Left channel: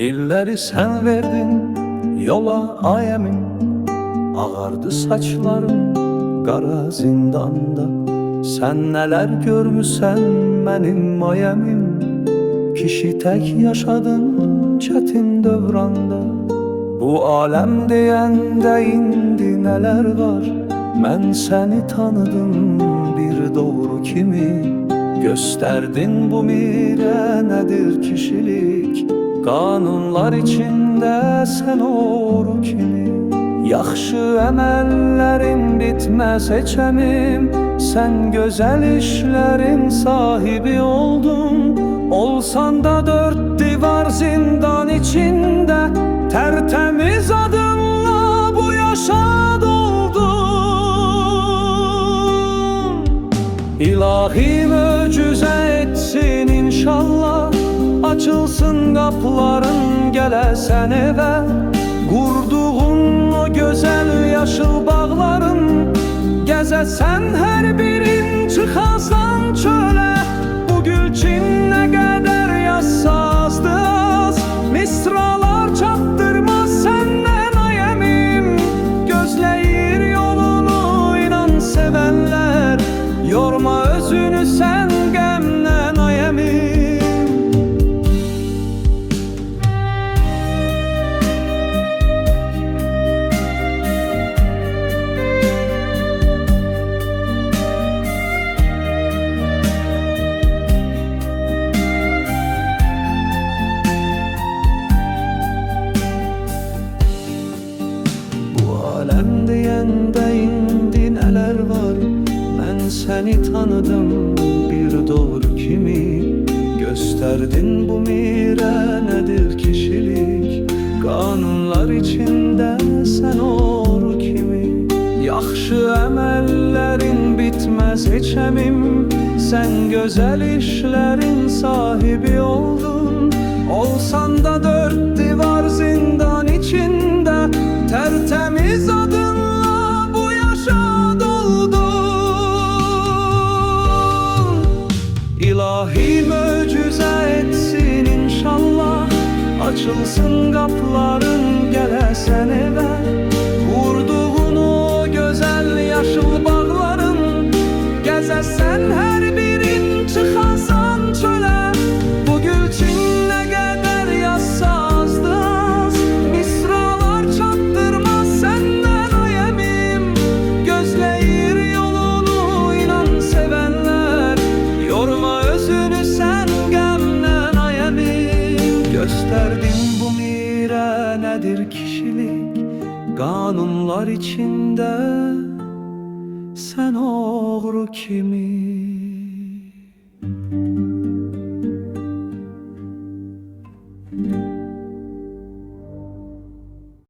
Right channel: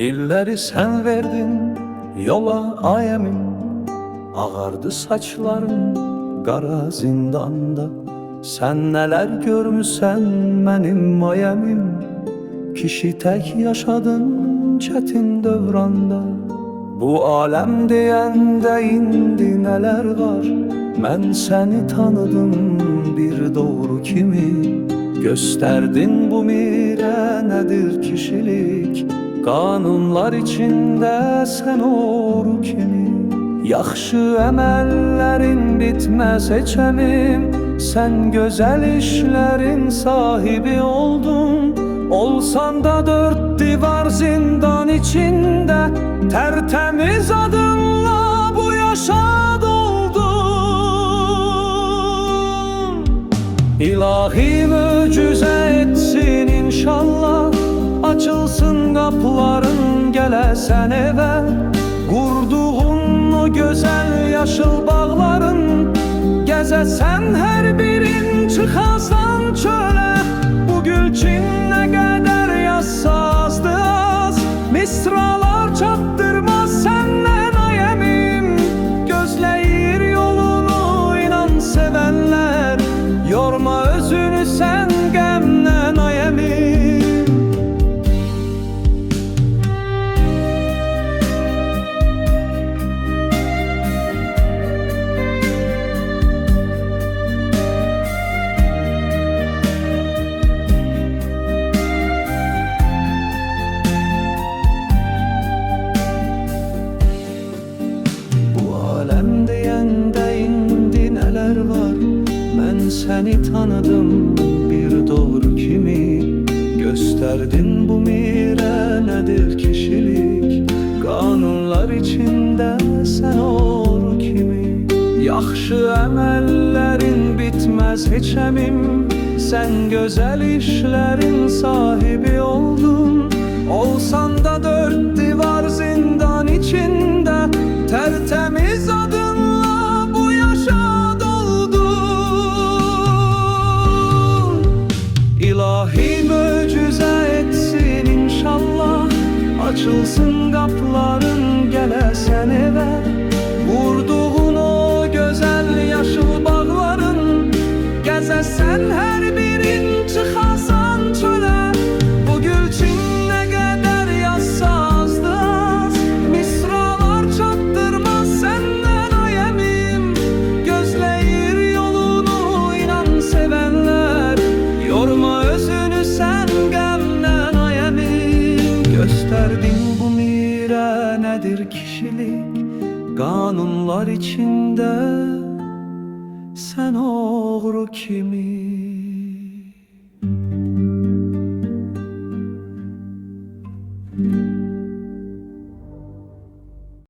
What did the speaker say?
İlleri sen verdin yola ayemim, ağardı saçlarım qara zindanda. Sen neler görmüsən mənim ayemim, kişi tek yaşadın çetin dövranda. Bu alem deyəndə indi neler var, mən seni tanıdım bir doğru kimi. Gösterdin bu mire nedir kişilik, kanunlar içinde sen oru kimi. Yaxşı əməllərin bitməz heçəmim, sen güzel işlerin sahibi oldun. Olsan da dört divar zindan içinde, tertemiz adınla bu yaşa doldun. İlahi möcüze etsin inşallah, açılsın kapıların gelesen eve. Kurduğun o güzel yaşıl bağların, gezesen her birin çıkasan çöle. Bu gülçin ne kadar yazsa azdı az, misralar çattırmaz senden ayemim. Gözleyir yolunu inan sevenler, yorma özünü sen gemlen ayemim. Alem deyəndə indi neler var, mən seni tanıdım bir doğru kimi. Gösterdin bu mire nedir kişilik, kanunlar içinde sen oru kimi. Yaxşı əməllərin bitmez heçəmim, sen güzel işlerin sahibi oldun. Olsan da dört divar zindan içinde, tertemiz adınla bu yaşa doldun. İlahi möcüze etsin inşallah, açılsın kapıların gelesen eve. Kurduğun o güzel yaşıl bağların, gezesen her birin çıkasan çöle. Bu gülçin ne kadar yazsa azdı az, misralar çattırmaz senden ayemim. Gözleyir yolunu inan sevenler, yorma özünü sen gemlen ayemim. Gösterdin bu mire nedir kişilik, kanunlar içinde sen oğru kimi.